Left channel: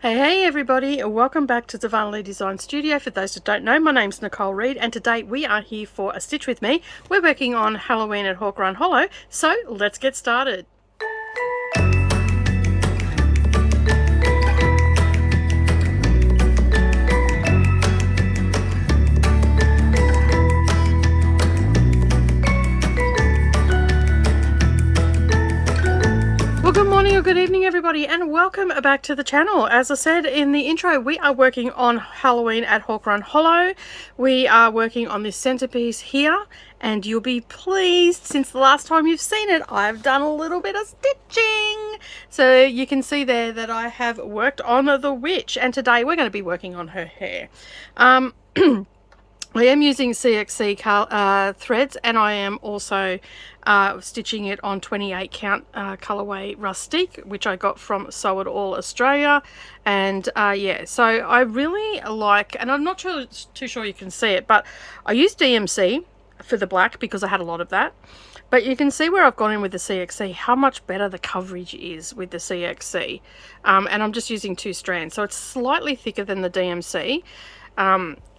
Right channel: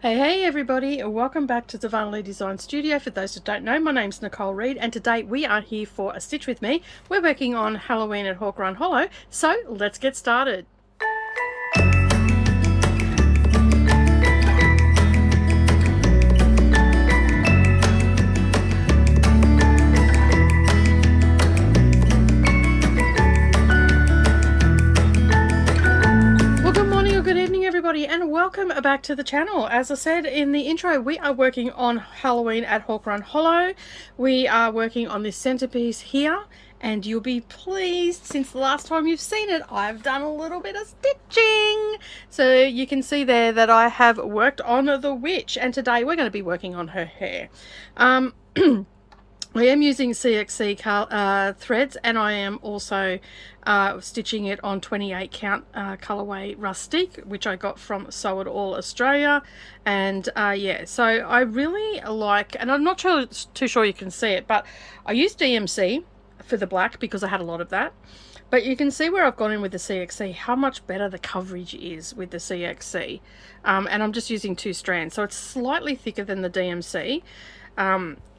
Hey everybody, welcome back to Darvanalee Design Studio. For those that don't know, my name's Nicole Reid and today we are here for a stitch with me. We're working on Halloween at Hawk Run Hollow, so let's get started. Good evening everybody and welcome back to the channel. As I said in the intro, we are working on Halloween at Hawk Run Hollow. We are working on this centerpiece here and you'll be pleased, since the last time you've seen it, I've done a little bit of stitching. So you can see there that I have worked on the witch, and today we're going to be working on her hair. I am using CXC threads, and I am also stitching it on 28 count colorway rustic, which I got from Sew It All Australia. And yeah, so I really like, and I'm not too sure you can see it, but I used DMC for the black because I had a lot of that. But you can see where I've gone in with the CXC, how much better the coverage is with the CXC. And I'm just using 2 strands, so it's slightly thicker than the DMC.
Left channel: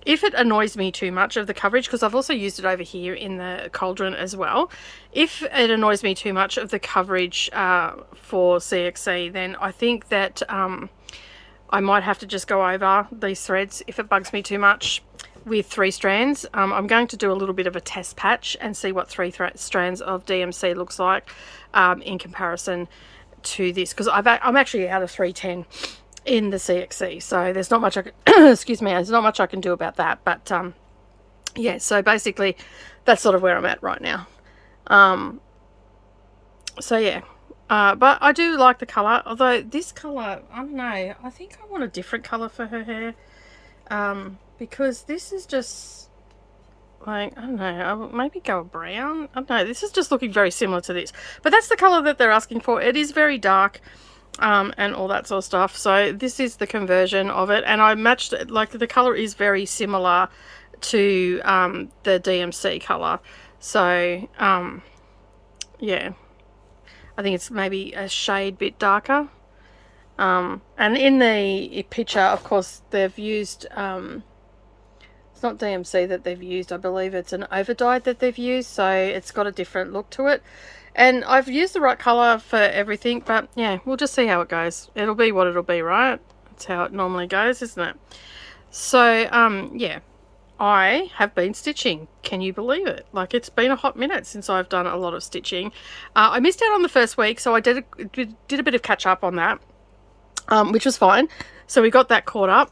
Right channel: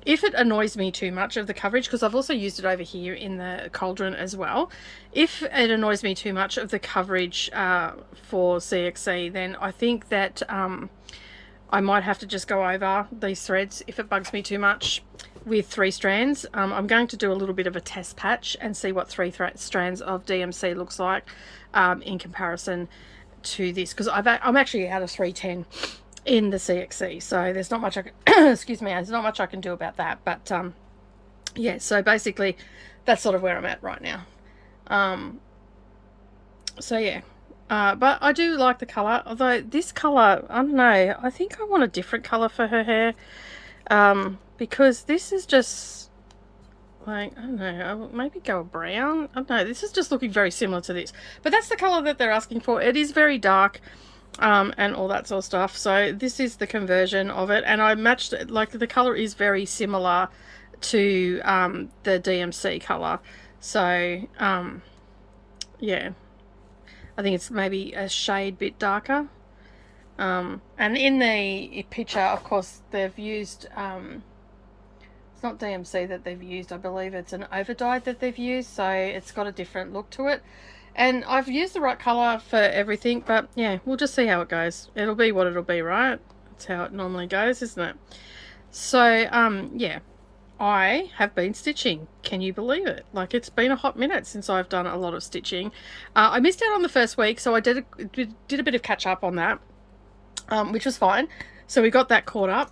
If it annoys me too much of the coverage, because I've also used it over here in the cauldron as well, if it annoys me too much of the coverage for CXC, then I think that I might have to just go over these threads if it bugs me too much with 3 strands. I'm going to do a little bit of a test patch and see what 3 strands of DMC looks like in comparison to this, because I'm actually out of 310 in the CXC, so there's not much I can excuse me, there's not much I can do about that. But yeah, so basically that's sort of where I'm at right now. So yeah, but I do like the color, although this color, I don't know, I think I want a different color for her hair, because this is just like, I don't know, I'll maybe go brown. I don't know, this is just looking very similar to this, but that's the color that they're asking for. It is very dark and all that sort of stuff, so this is the conversion of it, and I matched it, like the color is very similar to the DMC color. So yeah, I think it's maybe a shade bit darker, and in the picture, of course, they've used it's not DMC that they've used, I believe it's an overdyed that they've used, so it's got a different look to it. And I've used the right colour for everything, but yeah, we'll just see how it goes. It'll be what it'll be, right? That's how it normally goes, isn't it? So, yeah, I have been stitching. Can you believe it? Like, it's been a hot minute since I've done a lot of stitching. I missed out on the first week, so I did a bit of catch up on that, which was fine. So we got that caught up.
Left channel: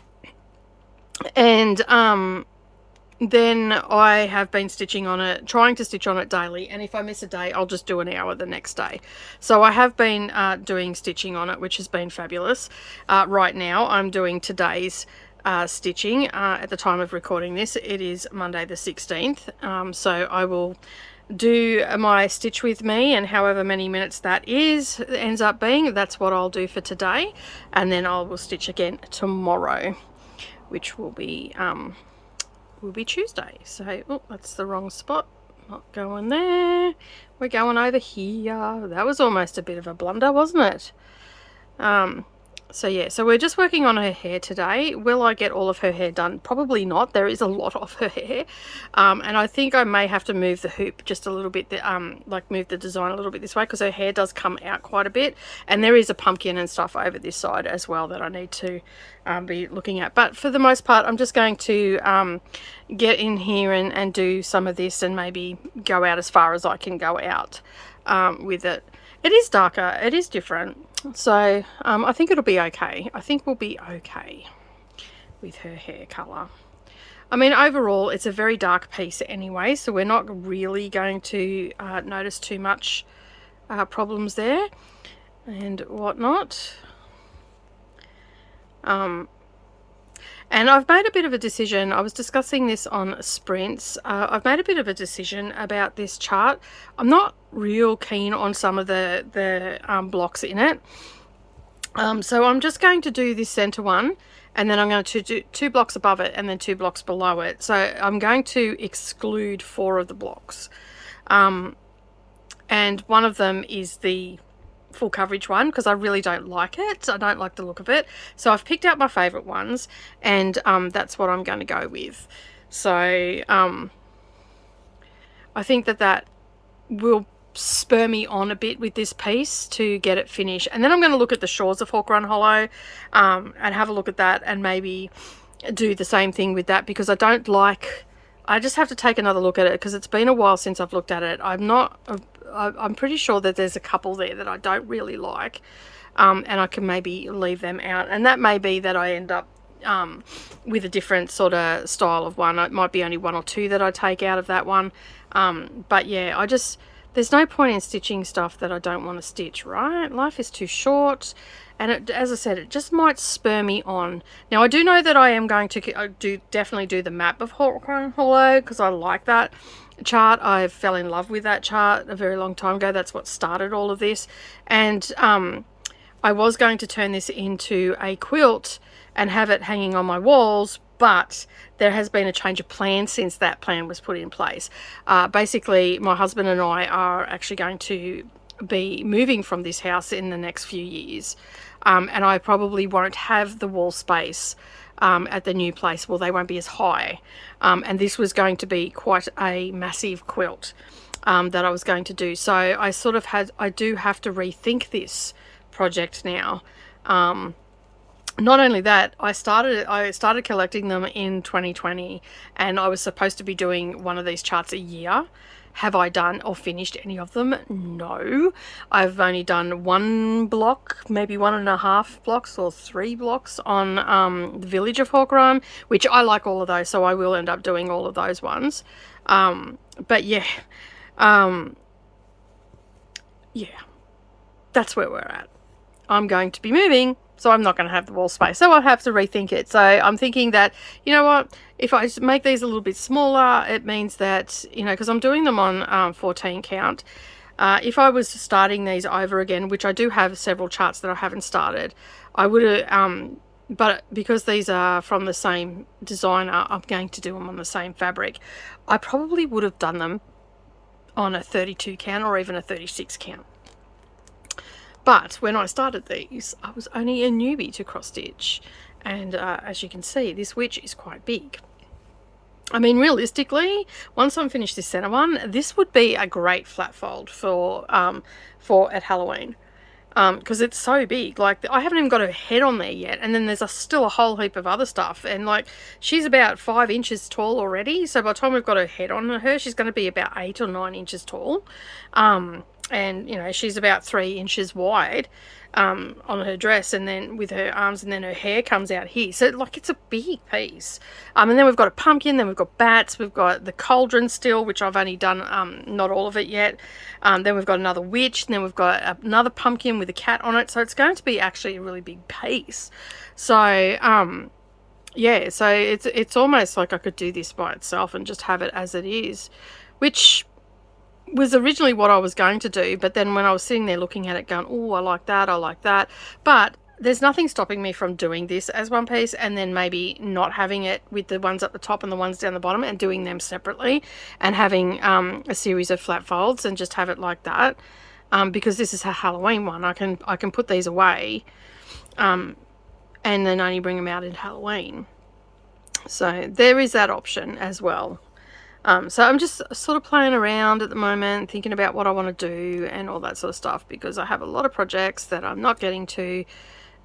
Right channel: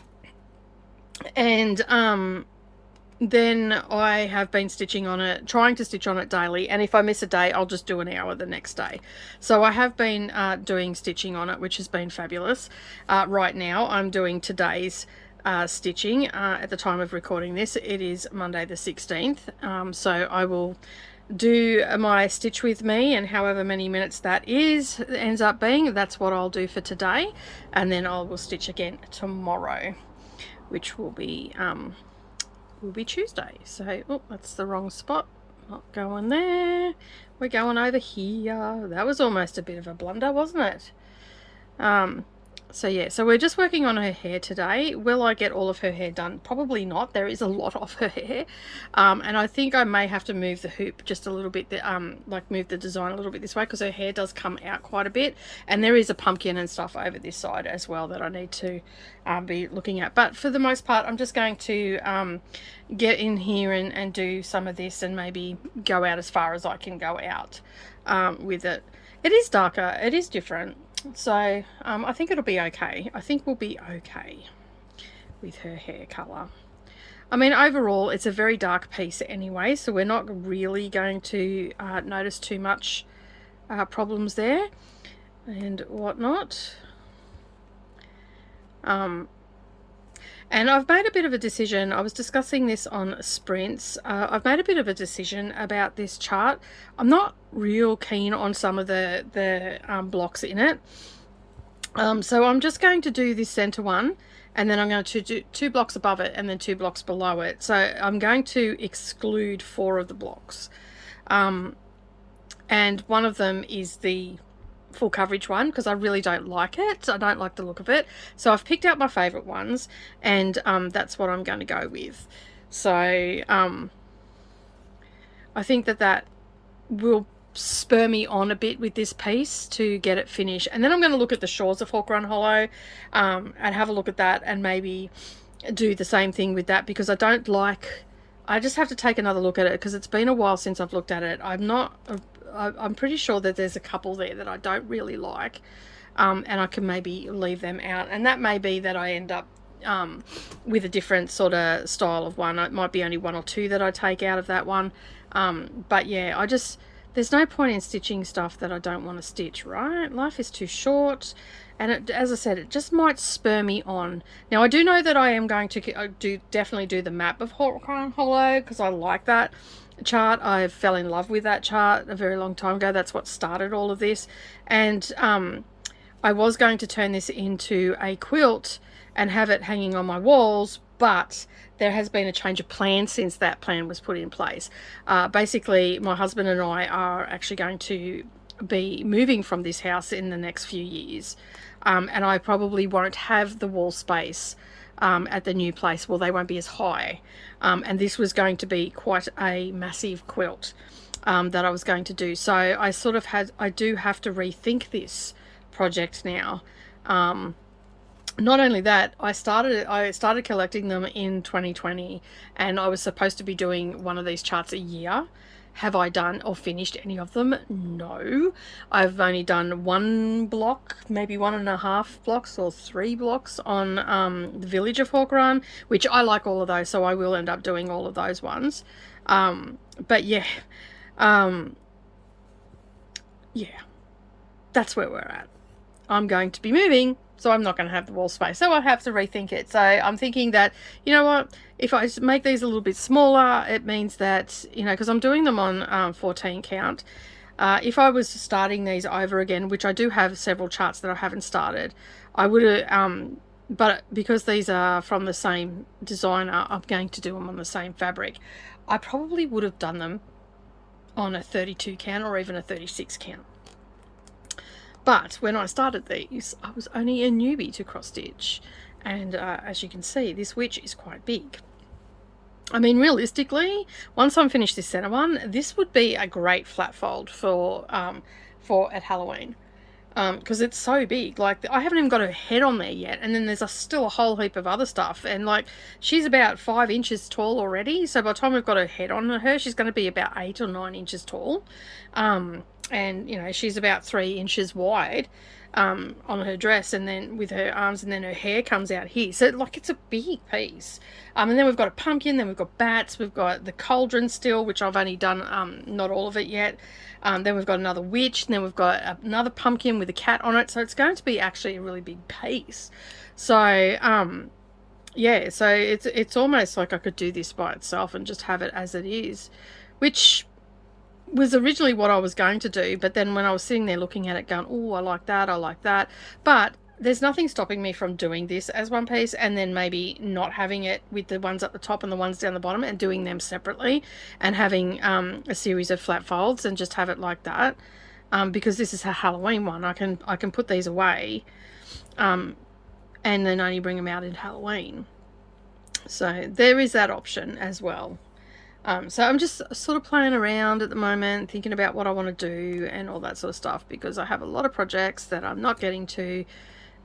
And then I have been stitching on it, trying to stitch on it daily, and if I miss a day, I'll just do an hour the next day. So I have been doing stitching on it, which has been fabulous. Right now I'm doing today's stitching. At the time of recording this, it is Monday the 16th, so I will do my stitch with me, and however many minutes that ends up being, that's what I'll do for today, and then I will stitch again tomorrow, which will be Tuesday. So, oh, that's the wrong spot. Not going there. We're going over here. That was almost a bit of a blunder, wasn't it? So yeah, so we're just working on her hair today. Will I get all of her hair done? Probably not. There is a lot of her hair. And I think I may have to move the hoop just a little bit, like move the design a little bit this way, because her hair does come out quite a bit. And there is a pumpkin and stuff over this side as well that I need to be looking at. But for the most part, I'm just going to get in here and do some of this, and maybe go out as far as I can go out with it. It is darker, it is different, so I think it'll be okay. I think we'll be okay with her hair colour. I mean, overall it's a very dark piece anyway, so we're not really going to notice too much problems there and whatnot. And I've made a bit of a decision. I was discussing this on sprints. I've made a bit of a decision about this chart. I'm not real keen on some of the blocks in it. So I'm just going to do this center one, and then I'm going to do 2 blocks above it and then 2 blocks below it. So I'm going to exclude 4 of the blocks. And one of them is the full coverage one because I really don't like it. I don't like the look of it. So I've picked out my favourite ones, and that's what I'm going to go with. So I think that will spur me on a bit with this piece to get it finished. And then I'm going to look at the Shores of Hawk Run Hollow and have a look at that, and maybe do the same thing with that, because I just have to take another look at it because it's been a while since I've looked at it. I'm pretty sure that there's a couple there that I don't really like, and I can maybe leave them out, and that may be that I end up with a different sort of style of one. It might be only one or two that I take out of that one, but yeah, there's no point in stitching stuff that I don't want to stitch, right? Life is too short, and as I said, it just might spur me on. Now, I do know that I am going to definitely do the map of Hawk Run Hollow because I like that chart. I fell in love with that chart a very long time ago. That's what started all of this, and I was going to turn this into a quilt and have it hanging on my walls, but there has been a change of plan since that plan was put in place. Basically, my husband and I are actually going to be moving from this house in the next few years, and I probably won't have the wall space at the new place. Well, they won't be as high, and this was going to be quite a massive quilt that I was going to do. So I do have to rethink this project now. Not only that, I started collecting them in 2020, and I was supposed to be doing one of these charts a year. Have I done or finished any of them? No. I've only done one block, maybe 1.5 blocks or 3 blocks on the Village of Hawk Run, which I like all of those, so I will end up doing all of those ones. But yeah, that's where we're at. I'm going to be moving, so I'm not going to have the wall space, so I'll have to rethink it. So I'm thinking that, you know what, if I make these a little bit smaller, it means that, you know, because I'm doing them on 14 count, if I was starting these over again, which I do have several charts that I haven't started, I would have, but because these are from the same designer, I'm going to do them on the same fabric. I probably would have done them on a 32 count or even a 36 count. But when I started these, I was only a newbie to cross stitch, and as you can see, this witch is quite big. I mean, realistically, once I'm finished this center one, this would be a great flat fold for at Halloween, because it's so big. Like, I haven't even got her head on there yet, and then there's still a whole heap of other stuff, and like, she's about 5 inches tall already, so by the time we've got her head on her, she's going to be about 8 or 9 inches tall. And you know, she's about 3 inches wide on her dress, and then with her arms, and then her hair comes out here, so like, it's a big piece. And then we've got a pumpkin, then we've got bats, we've got the cauldron still, which I've only done not all of it yet. Then we've got another witch, and then we've got another pumpkin with a cat on it, so it's going to be actually a really big piece. So yeah, so it's almost like I could do this by itself and just have it as it is, which was originally what I was going to do, but then when I was sitting there looking at it going, oh, I like that, but there's nothing stopping me from doing this as one piece, and then maybe not having it with the ones at the top and the ones down the bottom, and doing them separately, and having a series of flat folds and just have it like that, because this is a Halloween one. I can put these away and then only bring them out in Halloween. So there is that option as well. So I'm just sort of playing around at the moment, thinking about what I want to do and all that sort of stuff, because I have a lot of projects that I'm not getting to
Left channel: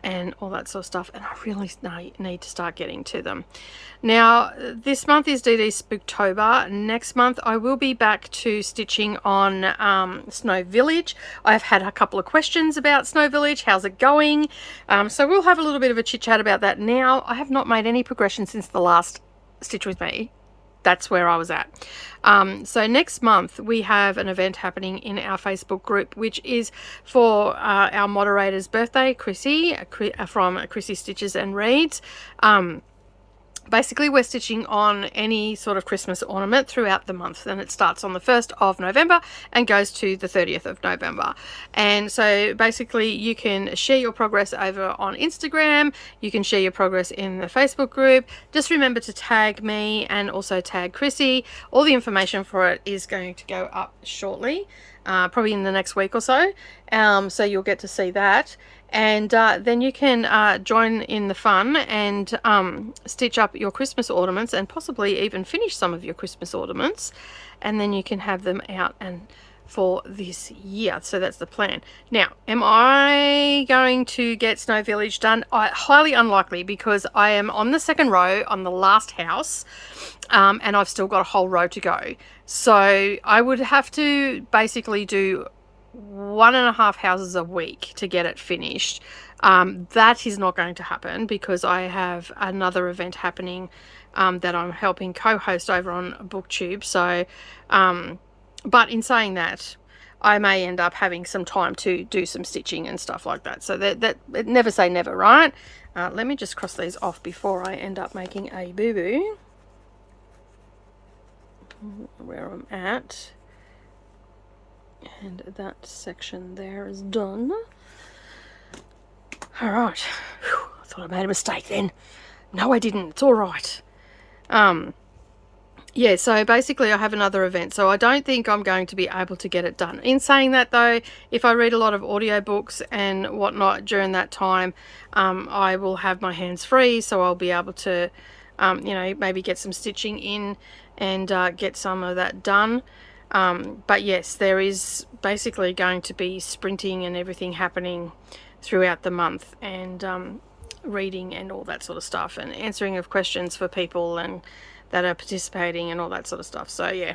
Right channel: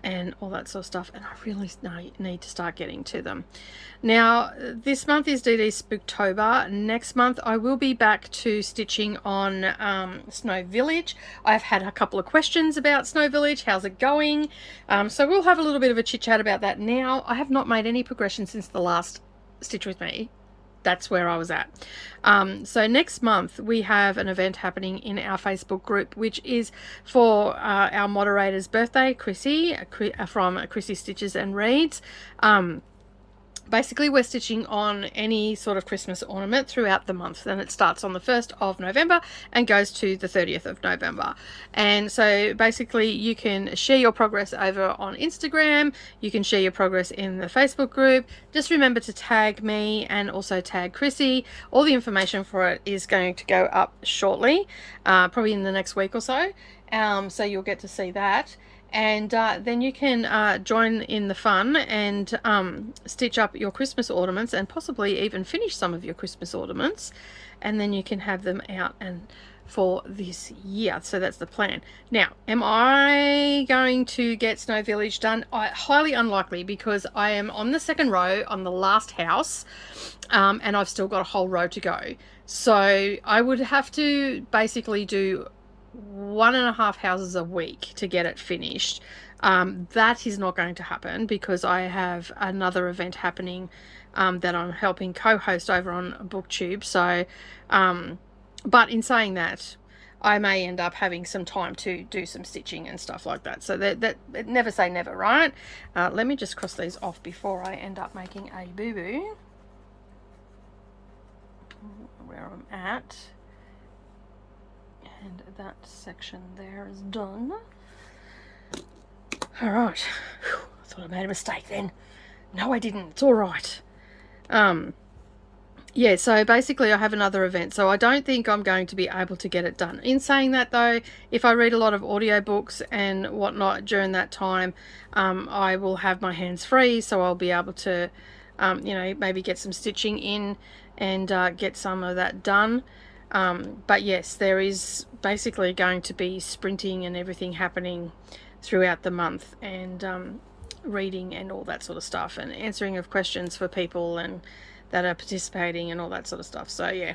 and all that sort of stuff, and I really need to start getting to them. Now, this month is DDs Spooktober. Next month I will be back to stitching on Snow Village. I've had a couple of questions about Snow Village. How's it going? So we'll have a little bit of a chit chat about that now. I have not made any progression since the last Stitch With Me. That's where I was at. So next month we have an event happening in our Facebook group, which is for our moderator's birthday, Chrissy, from Chrissy Stitches and Reads. Basically, we're stitching on any sort of Christmas ornament throughout the month, and it starts on the 1st of November and goes to the 30th of November. And so basically you can share your progress over on Instagram, you can share your progress in the Facebook group. Just remember to tag me and also tag Chrissy. All the information for it is going to go up shortly, probably in the next week or so. So you'll get to see that. And then you can join in the fun and stitch up your Christmas ornaments and possibly even finish some of your Christmas ornaments. And then you can have them out and for this year. So that's the plan. Now, am I going to get Snow Village done? Highly unlikely, because I am on the second row on the last house, and I've still got a whole row to go. So I would have to basically do 1.5 houses a week to get it finished. That is not going to happen because I have another event happening that I'm helping co-host over on BookTube. So but in saying that, I may end up having some time to do some stitching and stuff like that. So that never say never, right? Let me just cross these off before I end up making a boo-boo. Where I'm at. And that section there is done. Alright. I thought I made a mistake then. No, I didn't. It's alright. Yeah, so basically I have another event, so I don't think I'm going to be able to get it done. In saying that though, if I read a lot of audiobooks and whatnot during that time, I will have my hands free, so I'll be able to, you know, maybe get some stitching in and get some of that done. But yes, there is basically going to be sprinting and everything happening throughout the month, and reading and all that sort of stuff, and answering of questions for people and that are participating and all that sort of stuff. So yeah,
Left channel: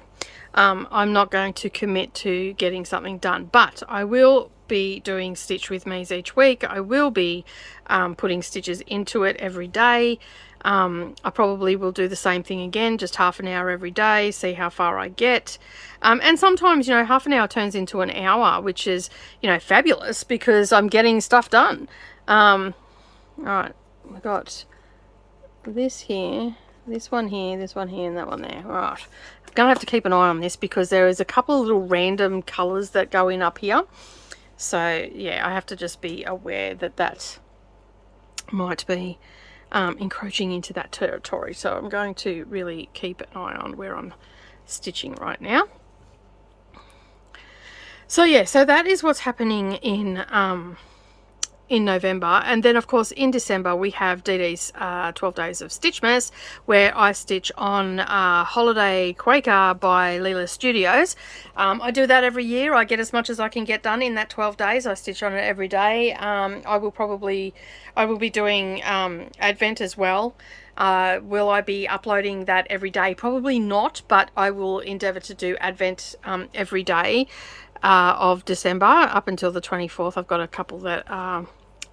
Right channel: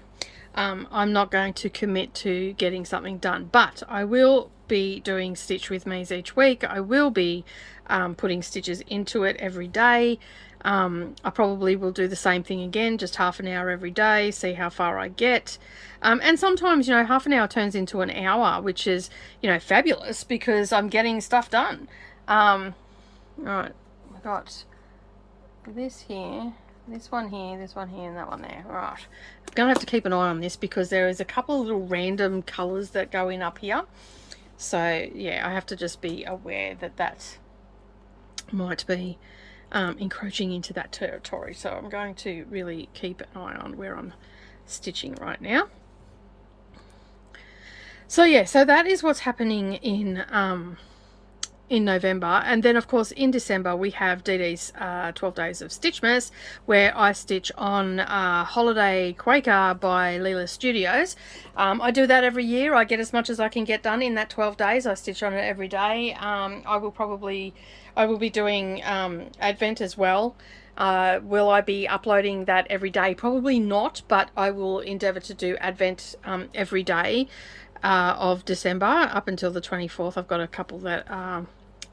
I'm not going to commit to getting something done, but I will be doing Stitch with Me's each week. I will be putting stitches into it every day. I probably will do the same thing again, just half an hour every day, see how far I get. And sometimes, you know, half an hour turns into an hour, which is, you know, fabulous because I'm getting stuff done. Right, I've got this here, this one here, this one here, and that one there. Right, I'm gonna have to keep an eye on this because there is a couple of little random colors that go in up here. So yeah, I have to just be aware that that might be encroaching into that territory. So I'm going to really keep an eye on where I'm stitching right now. So yeah, so that is what's happening in November. And then of course in December we have DD's 12 Days of Stitchmas, where I stitch on Holiday Quaker by Leela Studios. I do that every year. I get as much as I can get done in that 12 days. I stitch on it every day. I will be doing Advent as well. Will I be uploading that every day? Probably not, but I will endeavour to do Advent every day of December up until the 24th. I've got a couple that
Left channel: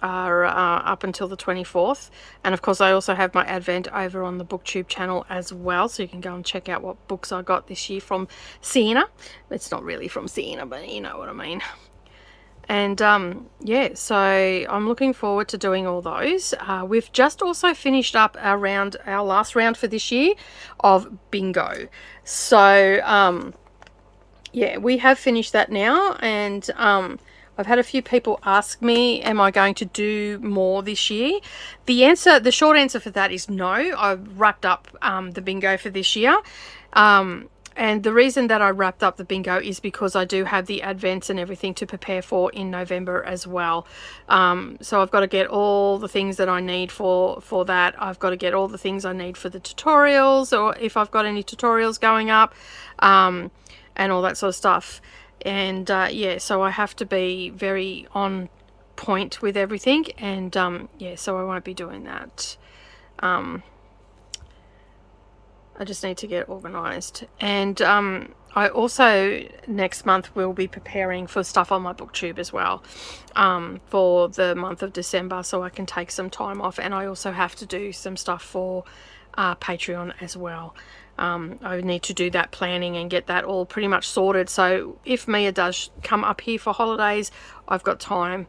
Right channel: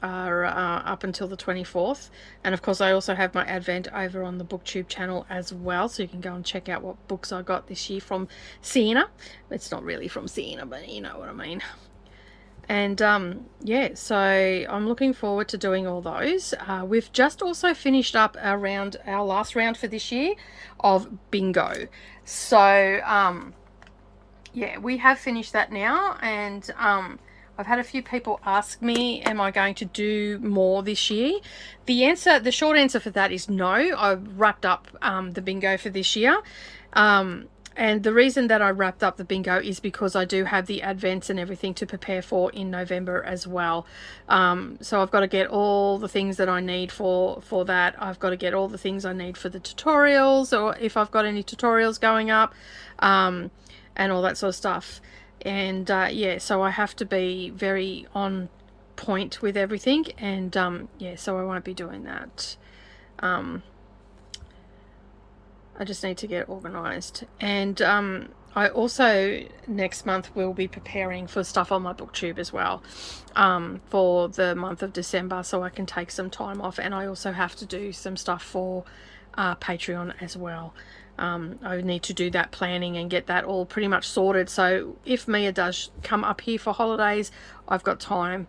are up until the 24th, and of course I also have my Advent over on the BookTube channel as well, so you can go and check out what books I got this year from Sienna. It's not really from Sienna, but you know what I mean. And yeah, so I'm looking forward to doing all those. We've just also finished up our last round for this year of bingo. So yeah, we have finished that now, and I've had a few people ask me, am I going to do more this year? The short answer for that is no. I've wrapped up the bingo for this year. And the reason that I wrapped up the bingo is because I do have the Advents and everything to prepare for in November as well. So I've got to get all the things that I need for that. I've got to get all the things I need for the tutorials, or if I've got any tutorials going up, and all that sort of stuff. And yeah, so I have to be very on point with everything, and yeah, so I won't be doing that. I just need to get organized. And I also next month will be preparing for stuff on my BookTube as well, for the month of December, so I can take some time off. And I also have to do some stuff for Patreon as well. I need to do that planning and get that all pretty much sorted, so if Mia does come up here for holidays, I've got time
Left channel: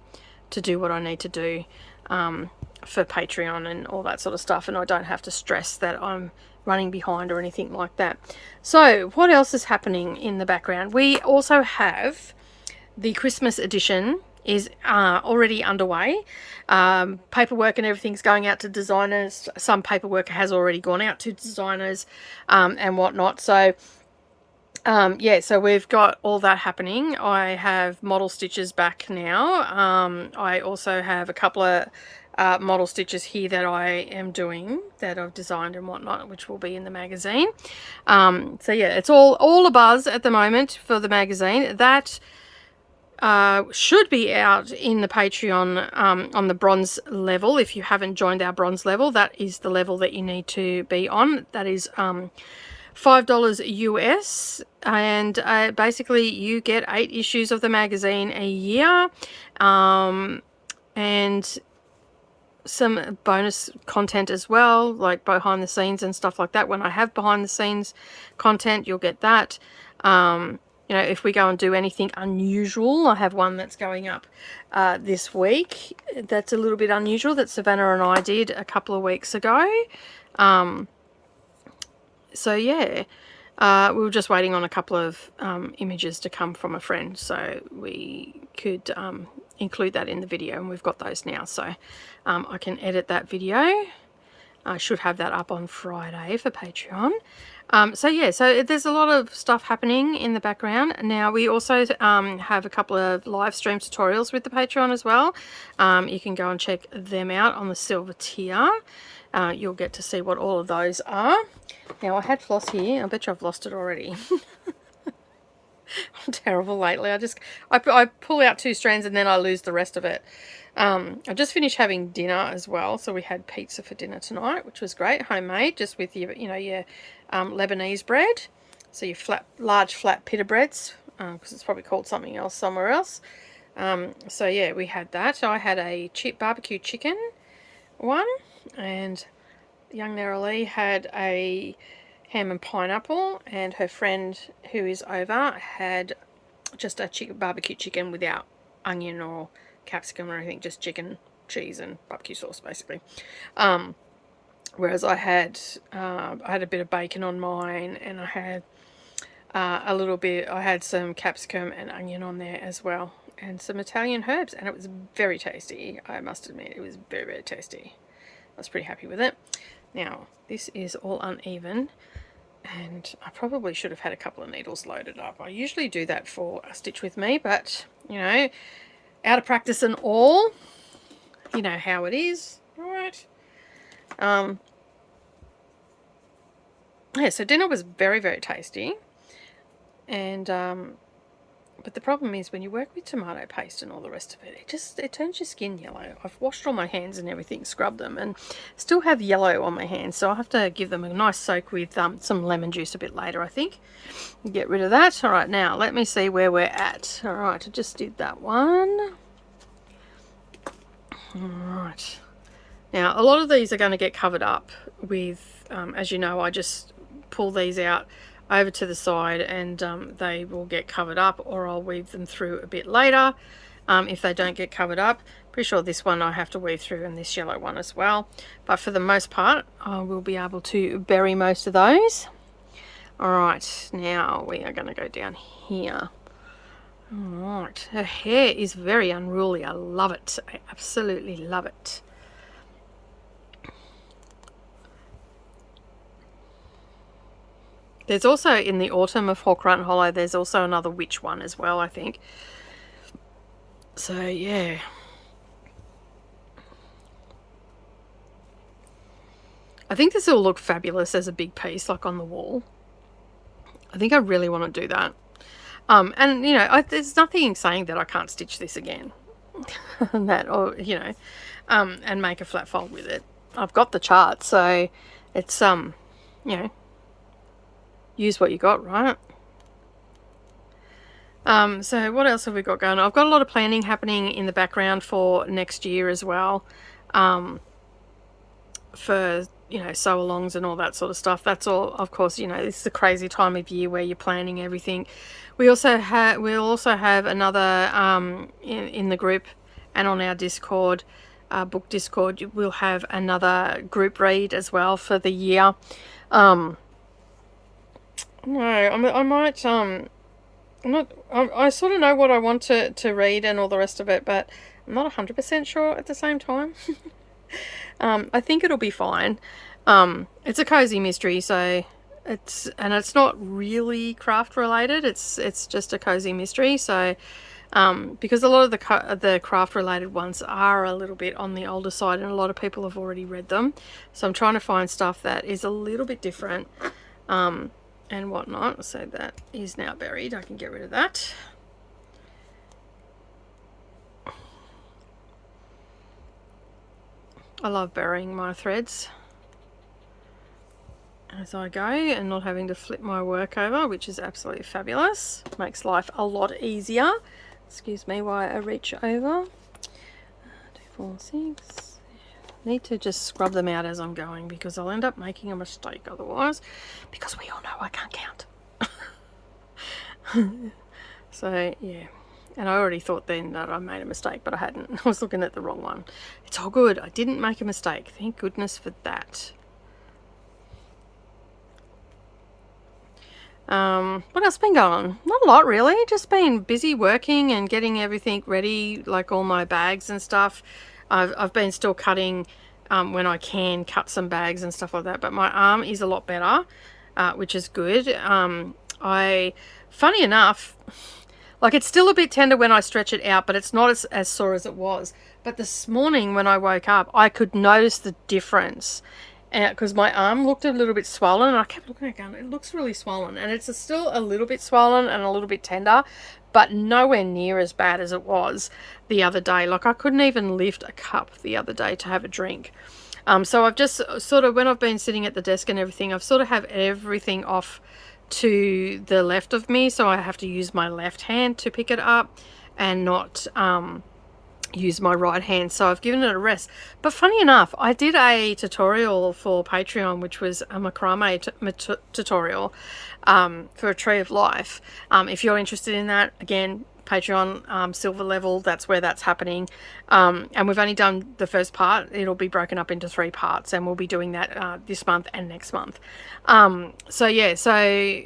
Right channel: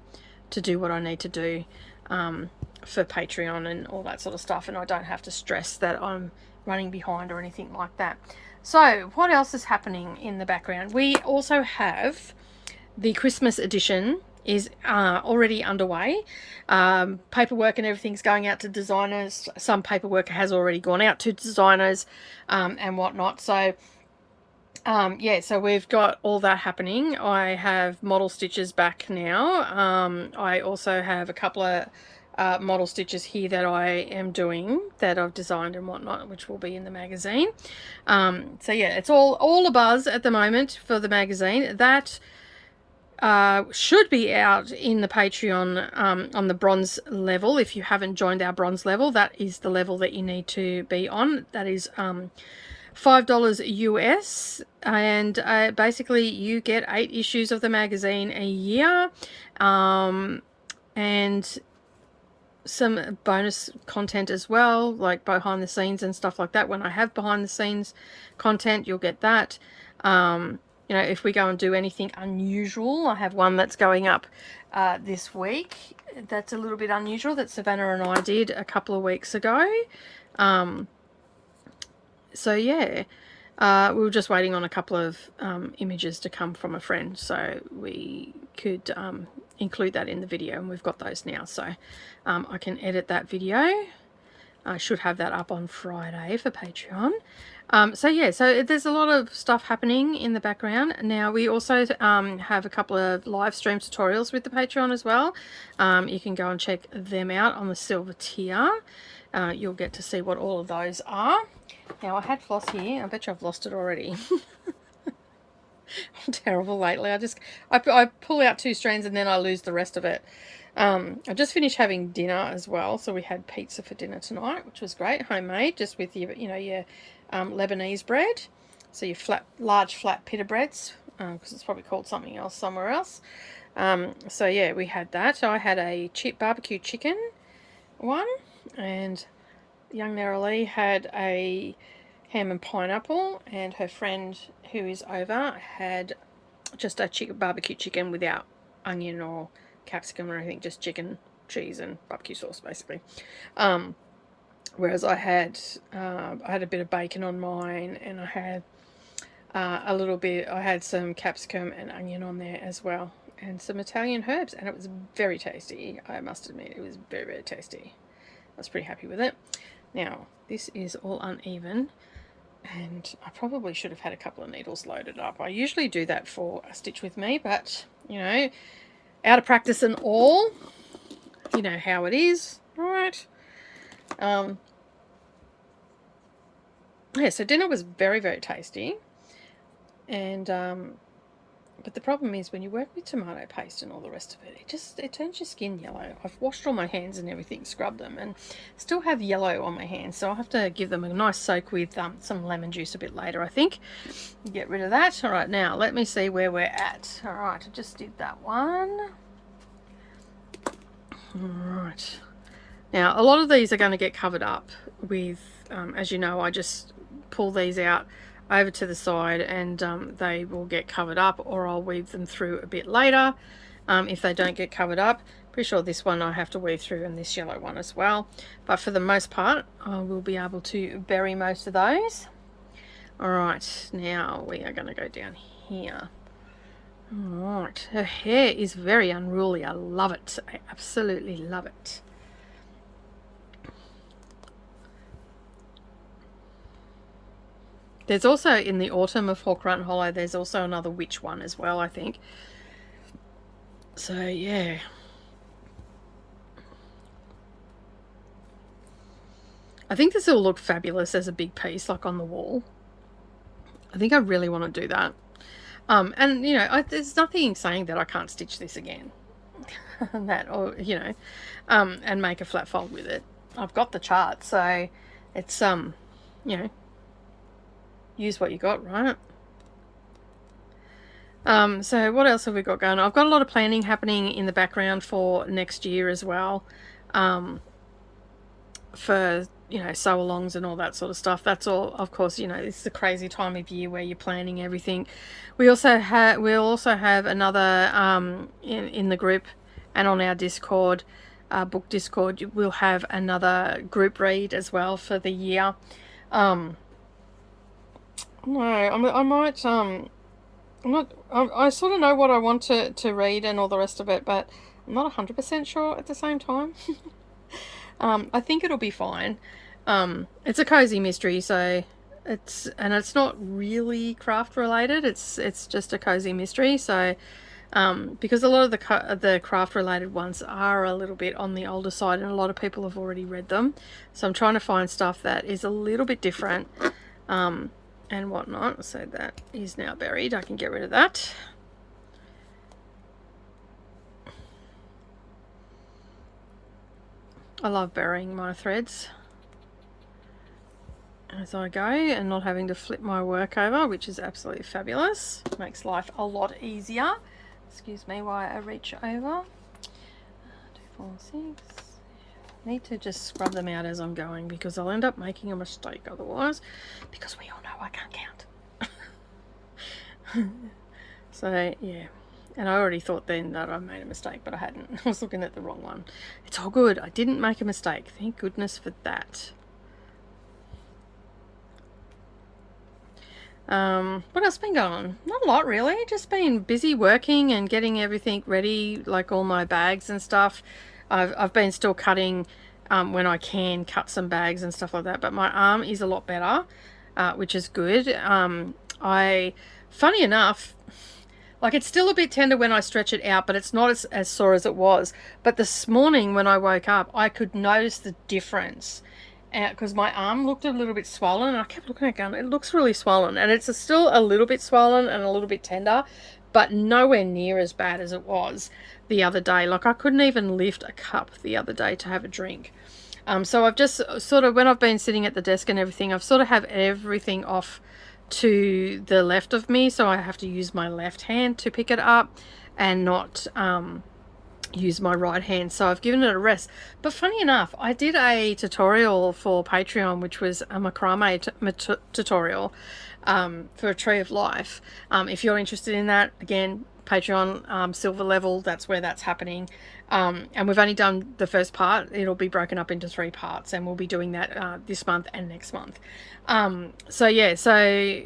to do what I need to do for Patreon and all that sort of stuff, and I don't have to stress that I'm running behind or anything like that. So what else is happening in the background? We also have the Christmas edition is already underway. Paperwork and everything's going out to designers. Some paperwork has already gone out to designers and whatnot. So Yeah, so we've got all that happening. I have model stitches back now. I also have a couple of model stitches here that I am doing that I've designed and whatnot, which will be in the magazine. So yeah, it's all a buzz at the moment for the magazine. That should be out in the Patreon on the bronze level. If you haven't joined our bronze level, that is the level that you need to be on. That is $5 US, and basically you get 8 issues of the magazine a year, and some bonus content as well, like behind the scenes and stuff like that. When I have behind the scenes content, you'll get that. You know, if we go and do anything unusual, I have one that's going up this week that's a little bit unusual that Savannah and I did a couple of weeks ago. So yeah, we were just waiting on a couple of images to come from a friend, so we could include that in the video, and we've got those now, so I can edit that video. I should have that up on Friday for Patreon. So yeah, so there's a lot of stuff happening in the background. Now we also have a couple of live stream tutorials with the Patreon as well. You can go and check them out on the silver tier. You'll get to see what all of those are. Now I had floss here. I bet you I've lost it already. I'm terrible lately. I pull out 2 strands and then I lose the rest of it. I just finished having dinner as well, so we had pizza for dinner tonight, which was great, homemade, just with your your Lebanese bread. So your large flat pita breads, because it's probably called something else somewhere else. So yeah, we had that. I had a barbecue chicken one, and young Darvanalee had a ham and pineapple, and her friend who is over had just a barbecue chicken without onion or capsicum or anything, just chicken, cheese and barbecue sauce basically. Whereas I had a bit of bacon on mine, and I had I had some capsicum and onion on there as well, and some Italian herbs, and it was very tasty. I must admit, it was very, very tasty. I was pretty happy with it. Now, this is all uneven, and I probably should have had a couple of needles loaded up. I usually do that for a stitch with me, but, you know, out of practice and all, you know how it is, right? Yeah, so dinner was very, very tasty, and but the problem is when you work with tomato paste and all the rest of it, it turns your skin yellow. I've washed all my hands and everything, scrubbed them, and still have yellow on my hands, so I'll have to give them a nice soak with some lemon juice a bit later, I think. Get rid of that. All right, now let me see where we're at. All right, I just did that one. All right. Now, a lot of these are going to get covered up with, as you know, I just pull these out over to the side, and they will get covered up, or I'll weave them through a bit later if they don't get covered up. Pretty sure this one I have to weave through, and this yellow one as well, but for the most part I will be able to bury most of those. All right, now we are going to go down here. All right, her hair is very unruly. I love it. I absolutely love it. There's also, in the autumn of Hawk Run Hollow, there's also another witch one as well, I think. So, yeah. I think this will look fabulous as a big piece, like on the wall. I think I really want to do that. And, you know, there's nothing saying that I can't stitch this again. Or, you know, and make a flat fold with it. I've got the chart, so it's, you know, use what you got, right? So what else have we got going on? I've got a lot of planning happening in the background for next year as well, for, you know, sew-alongs and all that sort of stuff. That's all, of course, you know, it's the crazy time of year where you're planning everything. We'll also have another in the group and on our Discord, book Discord, we'll have another group read as well for the year. No, I might, I sort of know what I want to read and all the rest of it, but I'm not 100% sure at the same time. I think it'll be fine. It's a cozy mystery, so it's not really craft related. It's just a cozy mystery. So because a lot of the craft related ones are a little bit on the older side, and a lot of people have already read them. So I'm trying to find stuff that is a little bit different and whatnot. So that is now buried. I can get rid of that. I love burying my threads as I go and not having to flip my work over, which is absolutely fabulous. Makes life a lot easier. Excuse me while I reach over. 2, 4, 6. Need to just scrub them out as I'm going, because I'll end up making a mistake otherwise, because we all know I can't count. So yeah, and I already thought then that I made a mistake, but I hadn't. I was looking at the wrong one. It's all good. I didn't make a mistake. Thank goodness for that. What else been going on? Not a lot really, just been busy working and getting everything ready, like all my bags and stuff. I've been still cutting when I can cut some bags and stuff like that, but my arm is a lot better, which is good. Funny enough, like it's still a bit tender when I stretch it out, but it's not as sore as it was. But this morning when I woke up, I could notice the difference. Because my arm looked a little bit swollen, and I kept looking at it going, it looks really swollen, and it's still a little bit swollen and a little bit tender, but nowhere near as bad as it was the other day. Like I couldn't even lift a cup the other day to have a drink. So I've just sort of, when I've been sitting at the desk and everything, I've sort of have everything off to the left of me, so I have to use my left hand to pick it up and not use my right hand. So I've given it a rest. But funny enough, I did a tutorial for Patreon, which was a macrame tutorial for a tree of life. If you're interested in that, again, Patreon silver level, that's where that's happening. And we've only done the first part. It'll be broken up into 3 parts, and we'll be doing that this month and next month. So yeah, so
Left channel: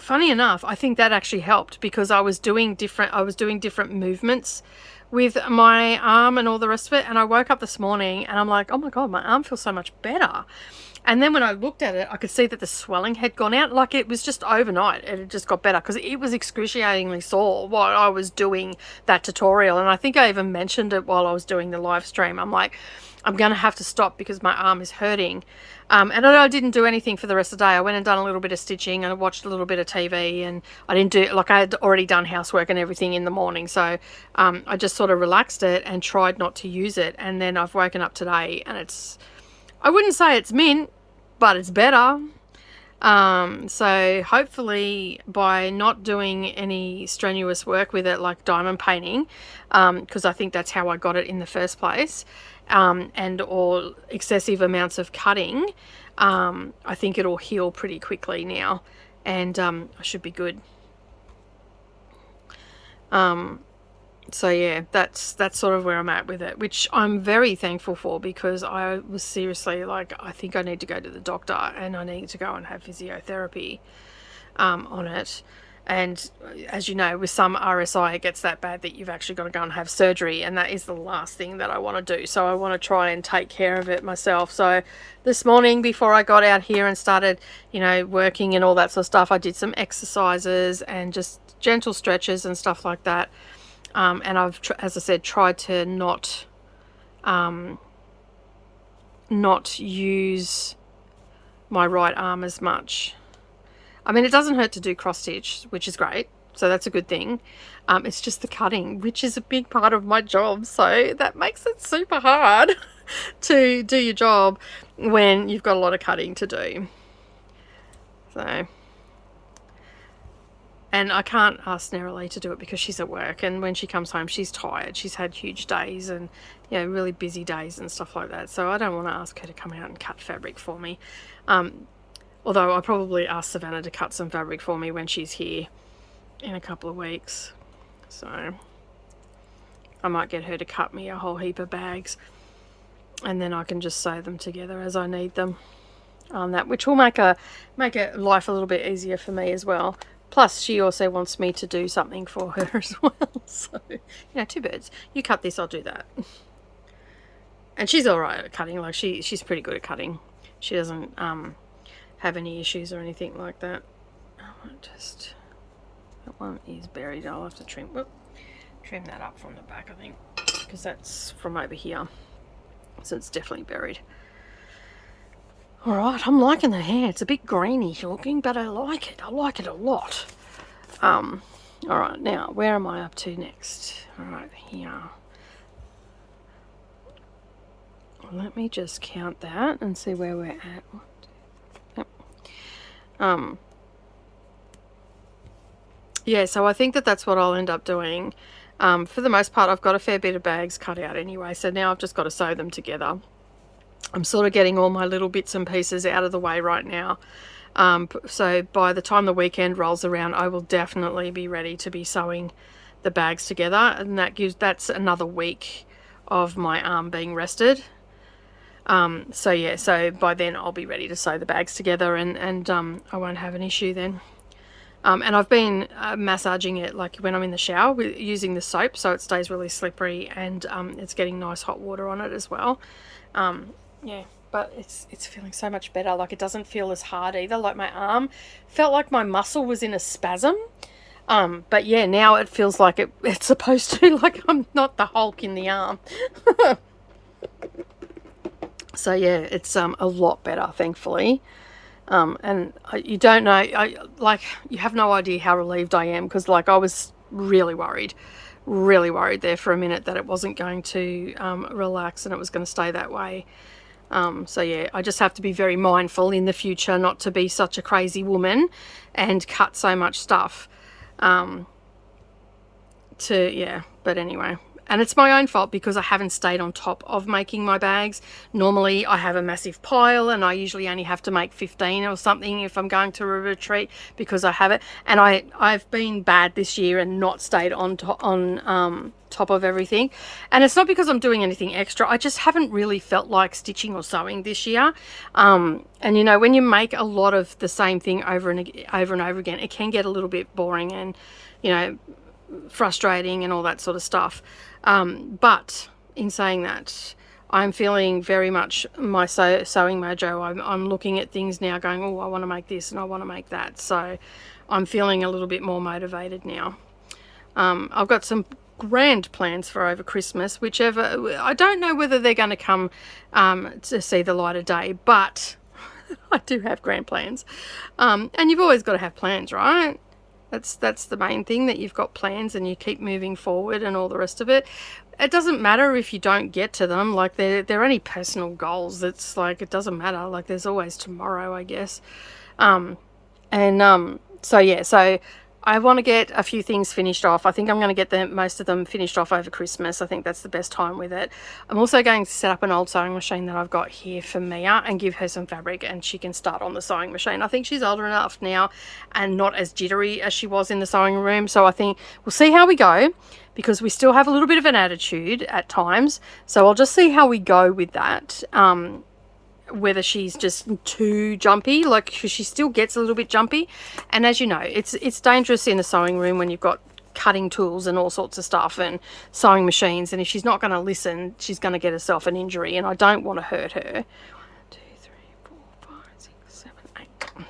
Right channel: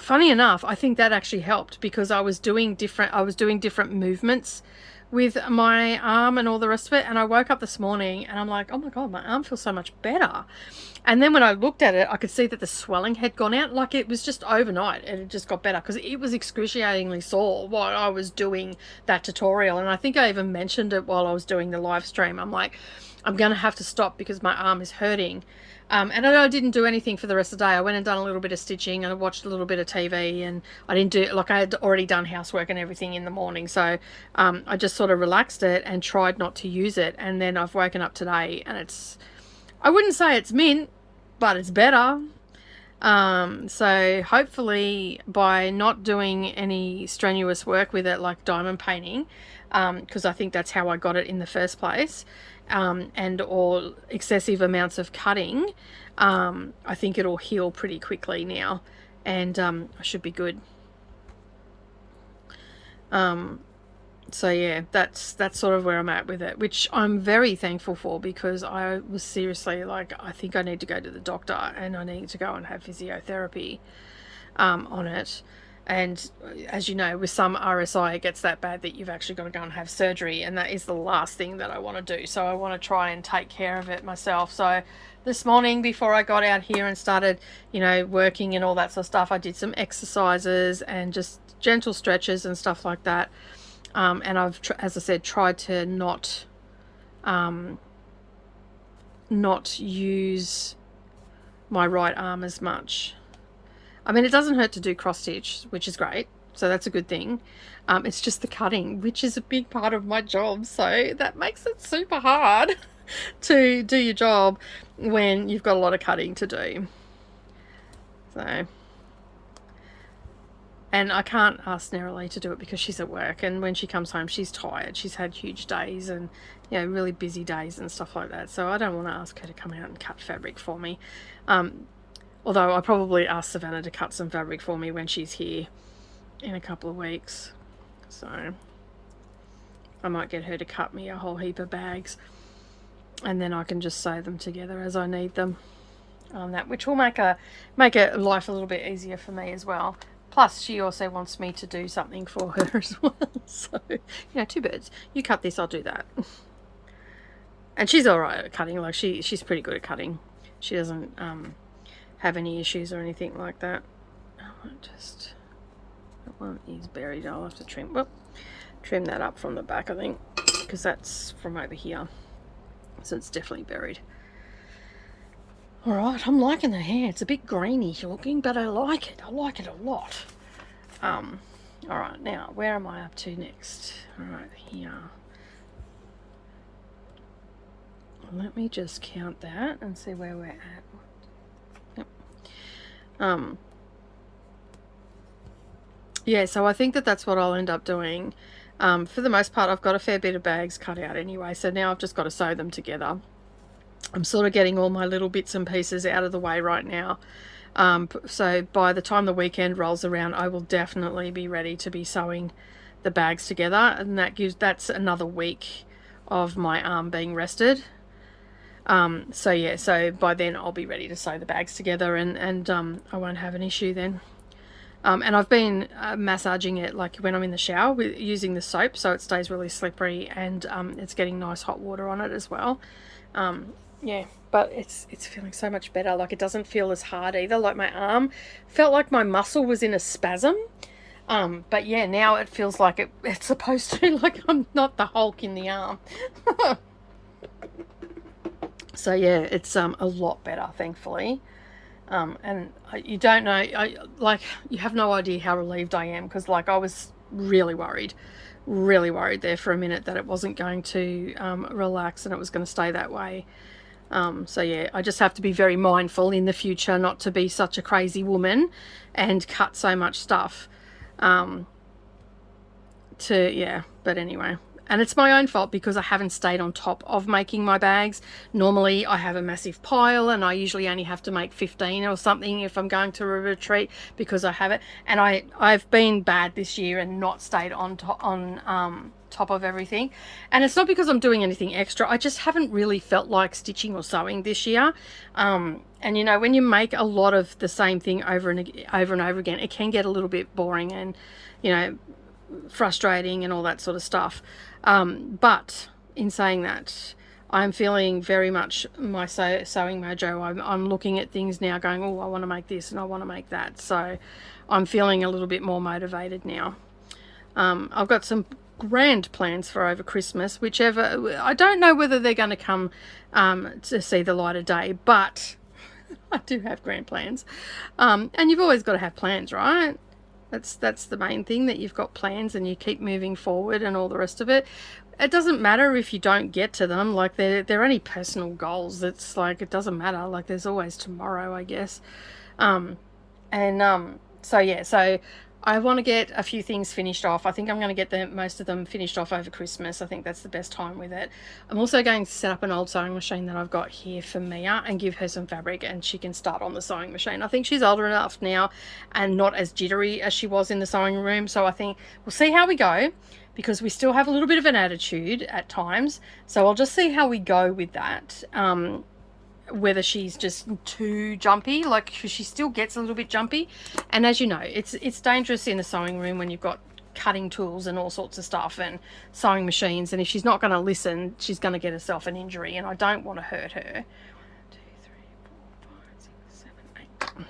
funny enough, I think that actually helped, because I was doing different movements with my arm and all the rest of it, and I woke up this morning and I'm like, oh my god, my arm feels so much better. And then when I looked at it, I could see that the swelling had gone out. Like it was just overnight, and it just got better, because it was excruciatingly sore while I was doing that tutorial. And I think I even mentioned it while I was doing the live stream. I'm like, I'm gonna have to stop because my arm is hurting. And I didn't do anything for the rest of the day. I went and done a little bit of stitching, and I watched a little bit of TV, and I didn't do, like I had already done housework and everything in the morning. So I just sort of relaxed it and tried not to use it. And then I've woken up today, and I wouldn't say it's mint, but it's better. So hopefully by not doing any strenuous work with it, like diamond painting, because I think that's how I got it in the first place, or excessive amounts of cutting, I think it'll heal pretty quickly now, and I should be good. So yeah, that's sort of where I'm at with it, which I'm very thankful for, because I was seriously like, I think I need to go to the doctor, and I need to go and have physiotherapy on it. And as you know, with some RSI, it gets that bad that you've actually got to go and have surgery, and that is the last thing that I want to do. So I want to try and take care of it myself. So this morning, before I got out here and started, working and all that sort of stuff, I did some exercises and just gentle stretches and stuff like that. And I've, as I said, tried to not use my right arm as much. I mean, it doesn't hurt to do cross stitch, which is great. So that's a good thing. It's just the cutting, which is a big part of my job. So that makes it super hard to do your job when you've got a lot of cutting to do. So, and I can't ask Nerily to do it because she's at work, and when she comes home, she's tired. She's had huge days and, really busy days and stuff like that. So I don't want to ask her to come out and cut fabric for me. Although I probably asked Savannah to cut some fabric for me when she's here in a couple of weeks. So I might get her to cut me a whole heap of bags, and then I can just sew them together as I need them on that, which will make life a little bit easier for me as well. Plus she also wants me to do something for her as well. So, 2 birds. You cut this, I'll do that. And she's all right at cutting. Like she's pretty good at cutting. She doesn't have any issues or anything like that. That one is buried. I'll have to trim that up from the back, I think, because that's from over here, so it's definitely buried. All right, I'm liking the hair. It's a bit greeny looking, but I like it. I like it a lot. All right, now where am I up to next? All right, here. Let me just count that and see where we're at. Yep. Yeah, so I think that's what I'll end up doing. For the most part, I've got a fair bit of bags cut out anyway, so now I've just got to sew them together. I'm sort of getting all my little bits and pieces out of the way right now. So by the time the weekend rolls around, I will definitely be ready to be sewing the bags together, and that's another week of my arm being rested. So yeah, so by then I'll be ready to sew the bags together, and I won't have an issue then. And I've been massaging it like when I'm in the shower using the soap, so it stays really slippery, and it's getting nice hot water on it as well. Yeah, but it's feeling so much better. Like, it doesn't feel as hard either. Like, my arm felt like my muscle was in a spasm. But yeah, now it feels like it's supposed to. Like, I'm not the Hulk in the arm. So yeah, it's a lot better, thankfully. And you don't know, you have no idea how relieved I am, because like I was really worried there for a minute that it wasn't going to relax and it was going to stay that way. So yeah, I just have to be very mindful in the future not to be such a crazy woman and cut so much stuff. But anyway. And it's my own fault because I haven't stayed on top of making my bags. Normally I have a massive pile, and I usually only have to make 15 or something if I'm going to a retreat, because I have it. And I've been bad this year and not stayed on top of everything. And it's not because I'm doing anything extra. I just haven't really felt like stitching or sewing this year. And you know, when you make a lot of the same thing over and over again, it can get a little bit boring and, you know, frustrating and all that sort of stuff. But in saying that, I'm feeling very much my sewing mojo. I'm looking at things now going, oh, I want to make this and I want to make that. So I'm feeling a little bit more motivated now. I've got some grand plans for over Christmas, whichever. I don't know whether they're going to come to see the light of day, but I do have grand plans. And you've always got to have plans, right? That's the main thing, that you've got plans and you keep moving forward and all the rest of it. It doesn't matter if you don't get to them. Like, they're only personal goals. It's like, it doesn't matter. Like, there's always tomorrow, I guess. So yeah, so I want to get a few things finished off. I think I'm going to get most of them finished off over Christmas. I think that's the best time with it. I'm also going to set up an old sewing machine that I've got here for Mia and give her some fabric, and she can start on the sewing machine. I think she's older enough now and not as jittery as she was in the sewing room. So I think we'll see how we go, because we still have a little bit of an attitude at times. So I'll just see how we go with that. Whether she's just too jumpy, like she still gets a little bit jumpy. And as you know, it's dangerous in a sewing room when you've got cutting tools and all sorts of stuff and sewing machines, and if she's not going to listen, she's going to get herself an injury, and I don't want to hurt her. 1, 2, 3, 4, 5, 6, 7, 8.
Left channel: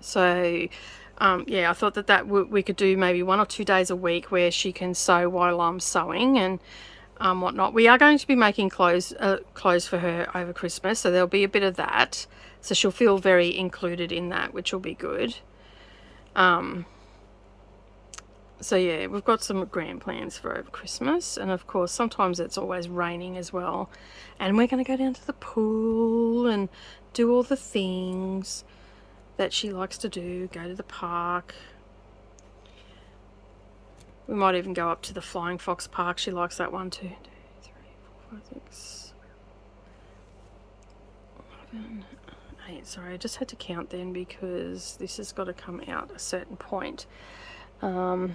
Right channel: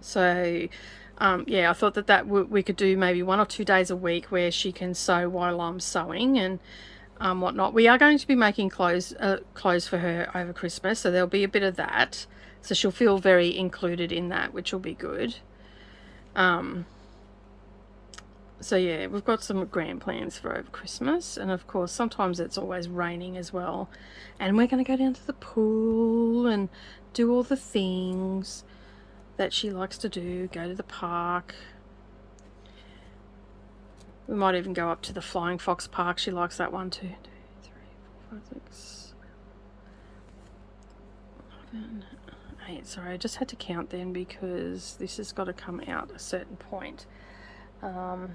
So yeah, I thought that we could do maybe 1 or 2 days a week where she can sew while I'm sewing and whatnot. We are going to be making clothes for her over Christmas, so there'll be a bit of that, so she'll feel very included in that, which will be good. So yeah, we've got some grand plans for over Christmas, and of course sometimes it's always raining as well, and we're going to go down to the pool and do all the things that she likes to do, go to the park. We might even go up to the Flying Fox Park. She likes that one. 2, 3, 4, 5, 6, 7, 8. Sorry, I just had to count then because this has got to come out a certain point. And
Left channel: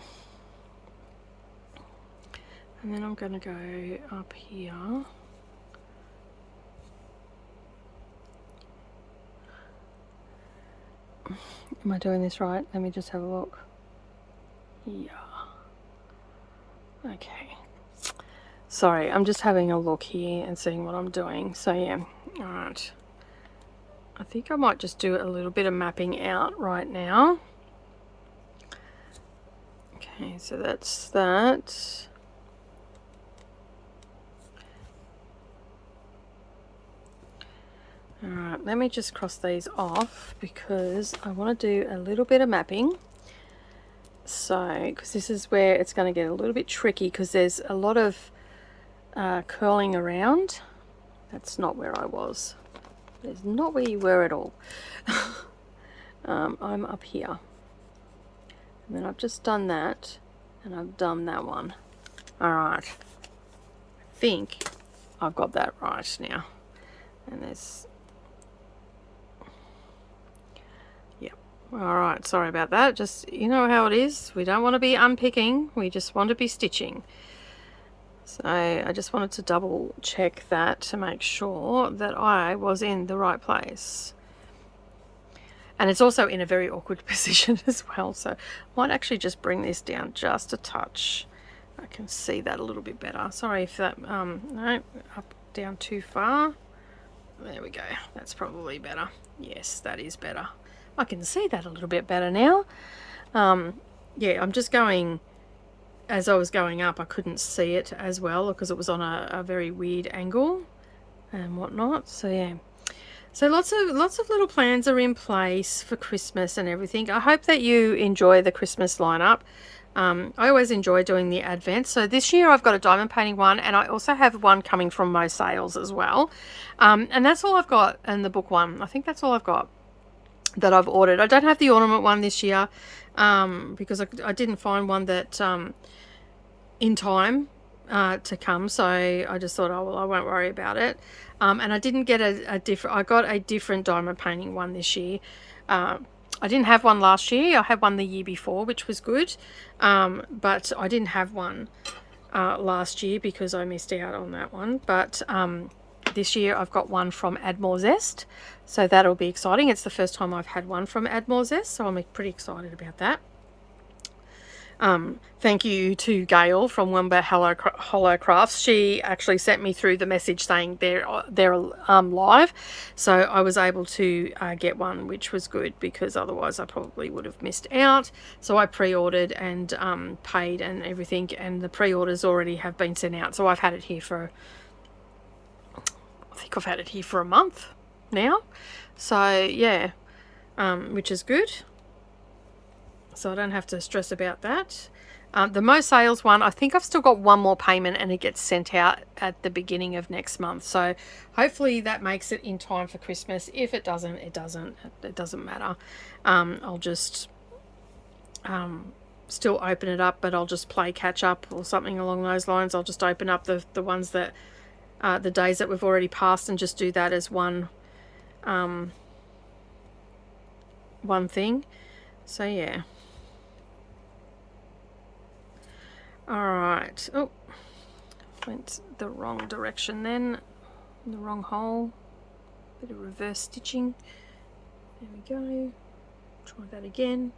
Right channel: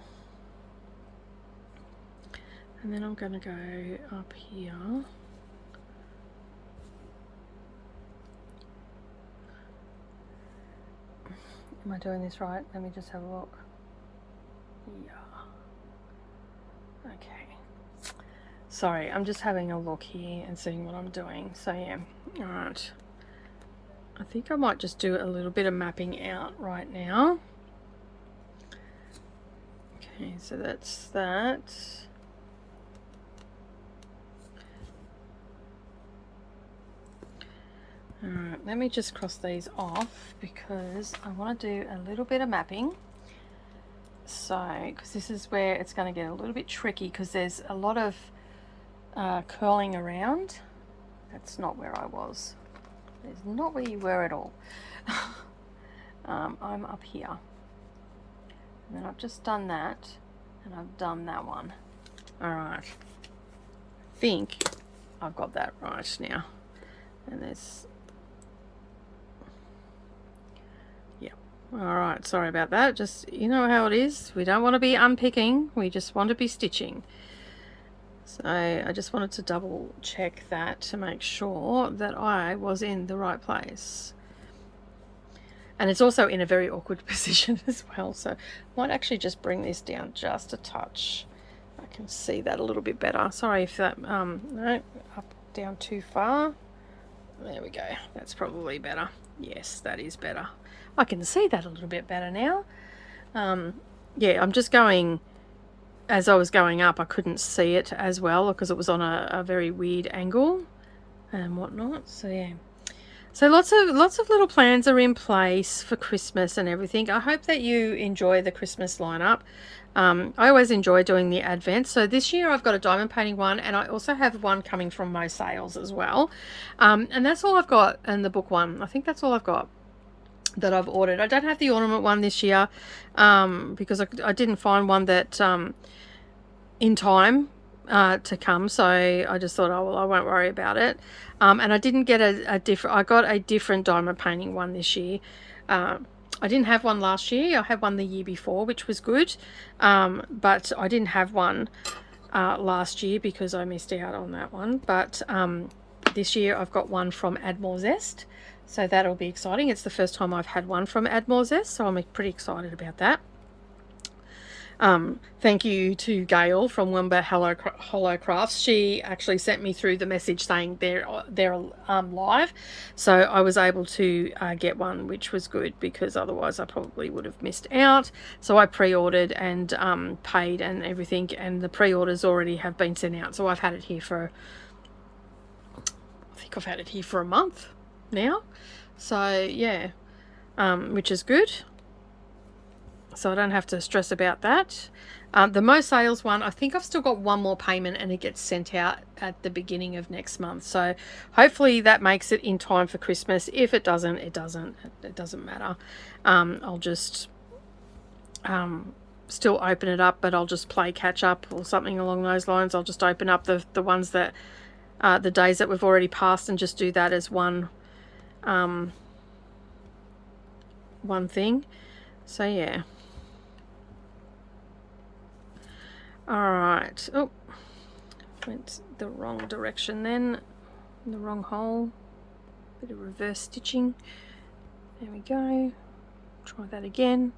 then I'm going to go up here. Am I doing this right? Let me just have a look. Yeah. Okay. Sorry, I'm just having a look here and seeing what I'm doing. So yeah, all right. I think I might just do a little bit of mapping out right now. Okay, so that's that. All right, let me just cross these off because I want to do a little bit of mapping. So, because this is where it's going to get a little bit tricky because there's a lot of curling around. That's not where I was. That's not where you were at all. I'm up here. And then I've just done that and I've done that one. All right. I think I've got that right now. And there's... All right, sorry about that. Just, you know how it is. We don't want to be unpicking. We just want to be stitching. So I just wanted to double check that to make sure that I was in the right place. And it's also in a very awkward position as well. So I might actually just bring this down just a touch. I can see that a little bit better. Sorry if that, no, up, down too far. There we go. That's probably better. Yes, that is better. I can see that a little bit better now. Yeah, I'm just going, as I was going up, I couldn't see it as well because it was on a very weird angle and whatnot. So yeah. So lots of little plans are in place for Christmas and everything. I hope that you enjoy the Christmas lineup. I always enjoy doing the Advent. So this year I've got a diamond painting one, and I also have one coming from Mo Sales as well. And that's all I've got in the book one. I think that's all I've got that I've ordered. I don't have the ornament one this year because I didn't find one that in time to come, so I just thought, oh well, I won't worry about it. And I didn't get a different, I got a different diamond painting one this year. I didn't have one last year. I had one the year before, which was good, but I didn't have one last year because I missed out on that one. But this year I've got one from Add More Zest, so that'll be exciting. It's the first time I've had one from Add More Zest, so I'm pretty excited about that. Thank you to Gail from Wombat Hollow Crafts. She actually sent me through the message saying they're live, so I was able to get one, which was good because otherwise I probably would have missed out. So I pre-ordered and paid and everything, and the pre-orders already have been sent out. So I've had it here for, I think I've had it here for a month now. So yeah, which is good. So I don't have to stress about that. The Mo Sales one, I think I've still got one more payment and it gets sent out at the beginning of next month. So hopefully that makes it in time for Christmas. If it doesn't, it doesn't matter. I'll just still open it up, but I'll just play catch up or something along those lines. I'll just open up the ones that, the days that we've already passed, and just do that as one thing. So yeah. Alright, oh, went the wrong direction then, in the wrong hole, bit of reverse stitching, there we go, try that again.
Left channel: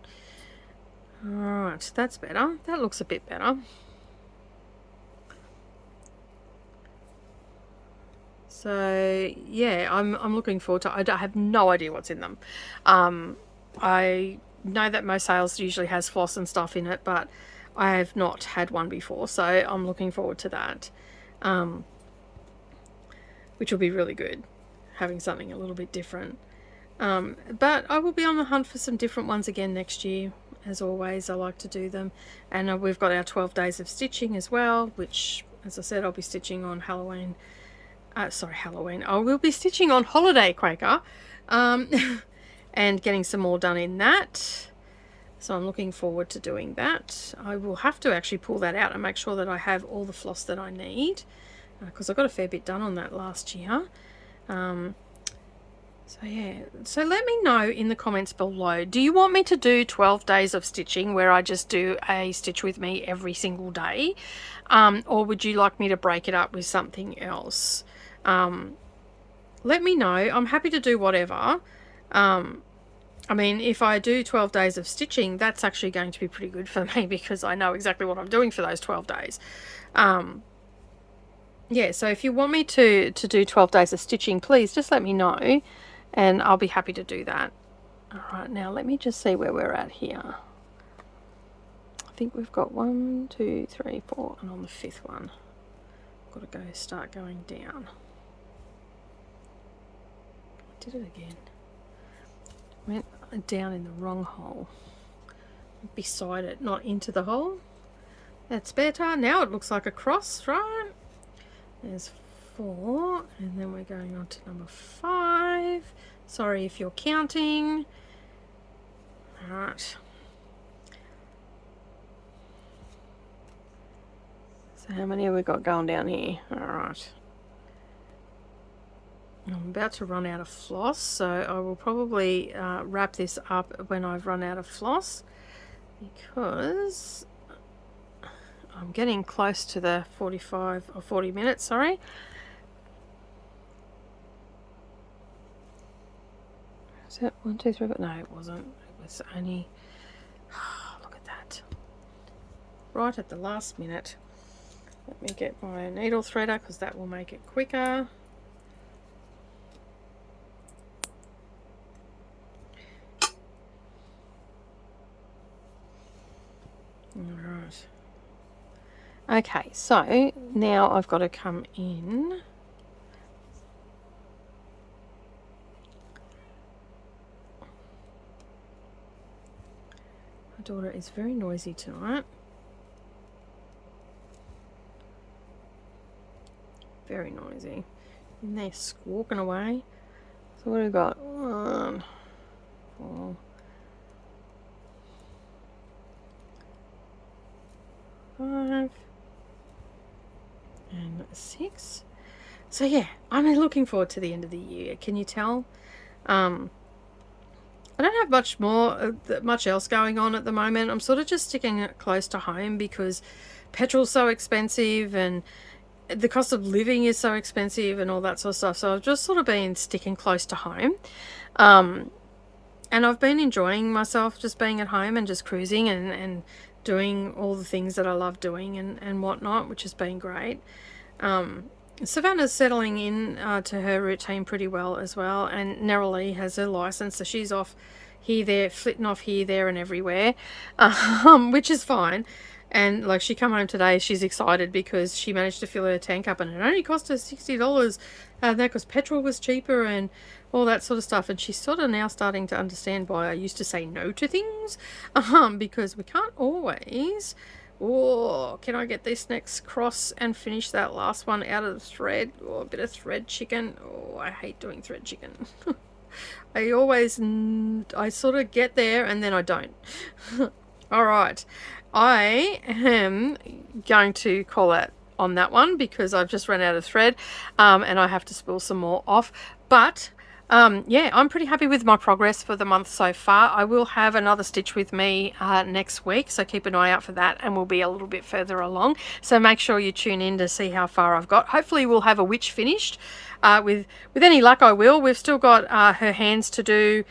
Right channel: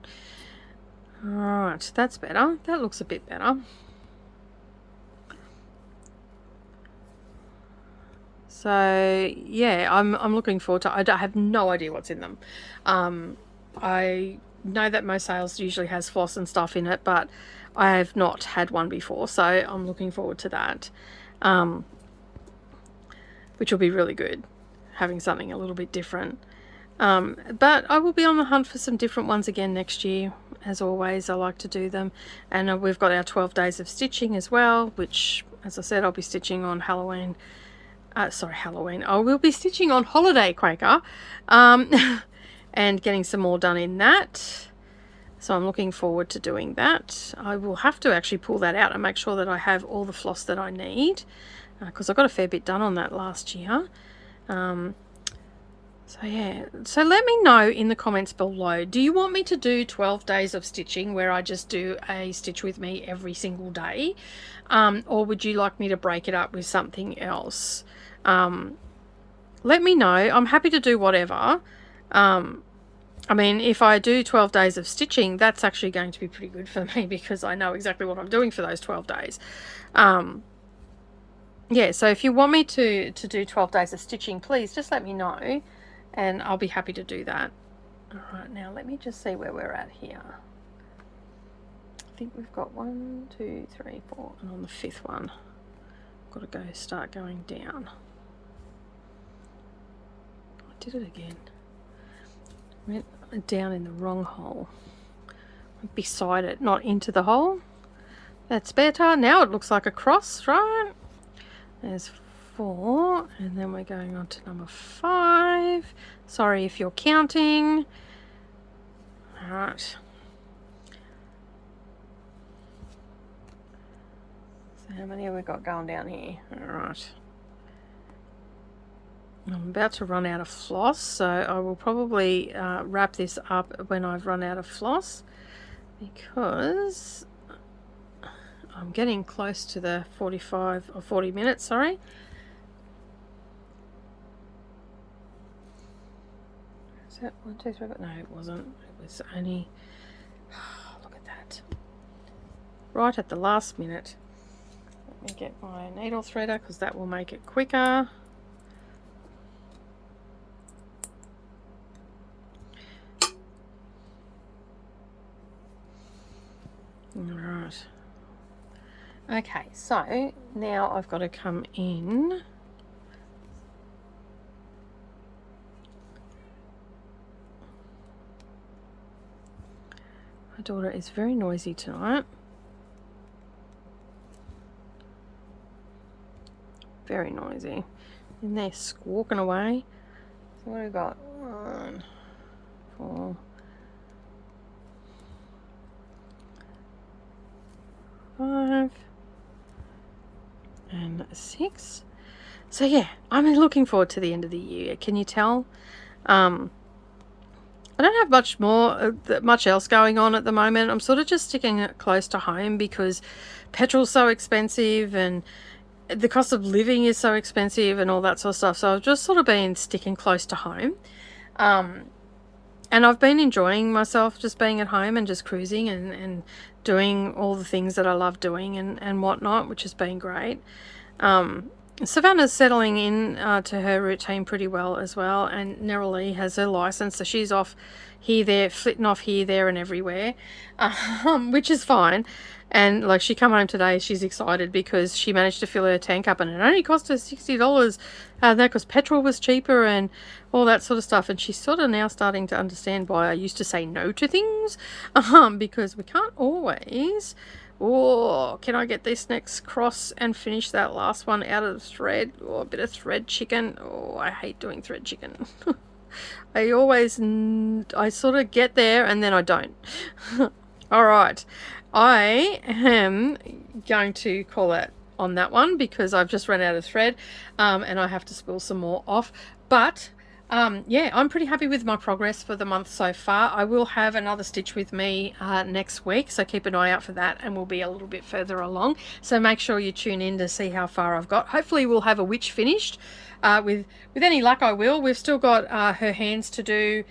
Alright, that's better, that looks a bit better. So yeah, I'm looking forward to, I have no idea what's in them. I know that Mo Sales usually has floss and stuff in it, but I have not had one before, so I'm looking forward to that, which will be really good, having something a little bit different. But I will be on the hunt for some different ones again next year. As always, I like to do them. And we've got our 12 days of stitching as well, which, as I said, I'll be stitching on Halloween. Halloween. I will be stitching on Holiday Quaker, and getting some more done in that. So I'm looking forward to doing that. I will have to actually pull that out and make sure that I have all the floss that I need, because I got a fair bit done on that last year. So yeah, so let me know in the comments below, do you want me to do 12 days of stitching where I just do a stitch with me every single day, or would you like me to break it up with something else? Let me know. I'm happy to do whatever. I mean, if I do 12 days of stitching, that's actually going to be pretty good for me because I know exactly what I'm doing for those 12 days. yeah, so if you want me to do 12 days of stitching, please just let me know and I'll be happy to do that. All right, now let me just see where we're at here. I think we've got 1, 2, 3, 4, and on the 5th one, got to go start going down. I did it again. Went down in the wrong hole. Beside it, not into the hole. That's better. Now it looks like a cross, right? There's 4, and then we're going on to number 5. Sorry if you're counting. All right. So how many have we got going down here? All right. I'm about to run out of floss, so I will probably wrap this up when I've run out of floss, because I'm getting close to the 45 or 40 minutes, sorry. Is it 1, 2, 3? No, it wasn't. It was only, look at that. Right at the last minute. Let me get my needle threader because that will make it quicker. Alright. Okay, so now I've got to come in. My daughter is very noisy tonight. Very noisy. And they're squawking away. So what have we got? 1, 4, 5, and 6. So yeah, I'm looking forward to the end of the year. Can you tell? I don't have much else going on at the moment. I'm sort of just sticking it close to home because petrol's so expensive and the cost of living is so expensive and all that sort of stuff. So I've just sort of been sticking close to home. And I've been enjoying myself just being at home and just cruising and doing all the things that I love doing and whatnot, which has been great. Savannah's settling in to her routine pretty well as well, and Neroli has her license, so she's off here, there, flitting off here, there and everywhere, which is fine. And like, she come home today, she's excited because she managed to fill her tank up and it only cost her $60. That because petrol was cheaper and all that sort of stuff. And she's sort of now starting to understand why I used to say no to things, because we can't always. Oh, can I get this next cross and finish that last one out of the thread? Oh, a bit of thread chicken. Oh, I hate doing thread chicken. I sort of get there and then I don't. All right, I am going to call it on that one because I've just run out of thread, and I have to spool some more off. But yeah, I'm pretty happy with my progress for the month so far. I will have another stitch with me next week, so keep an eye out for that, and we'll be a little bit further along. So make sure you tune in to see how far I've got. Hopefully we'll have a witch finished. With any luck, I will. We've still got her hands to do.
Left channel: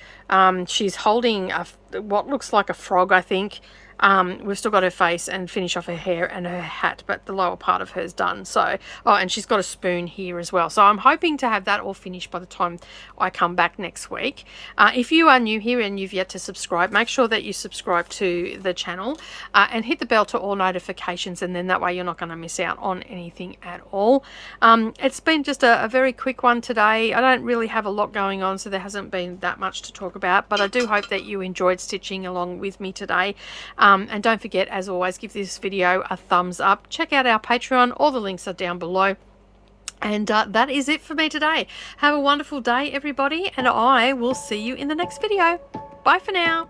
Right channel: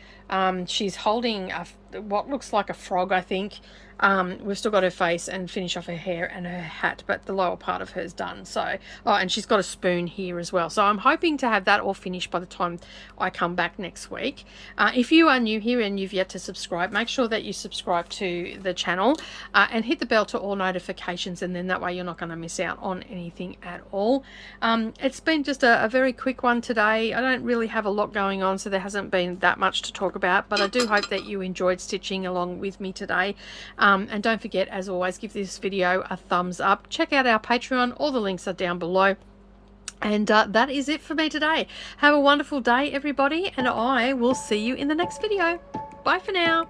She's holding what looks like a frog, I think. We've still got her face and finish off her hair and her hat, but the lower part of her's done. So, oh, and she's got a spoon here as well. So I'm hoping to have that all finished by the time I come back next week. If you are new here and you've yet to subscribe, make sure that you subscribe to the channel and hit the bell to all notifications, and then that way you're not going to miss out on anything at all. It's been just a very quick one today. I don't really have a lot going on, so there hasn't been that much to talk about, but I do hope that you enjoyed stitching along with me today. And don't forget, as always, give this video a thumbs up. Check out our Patreon. All the links are down below. And that is it for me today. Have a wonderful day, everybody, and I will see you in the next video. Bye for now.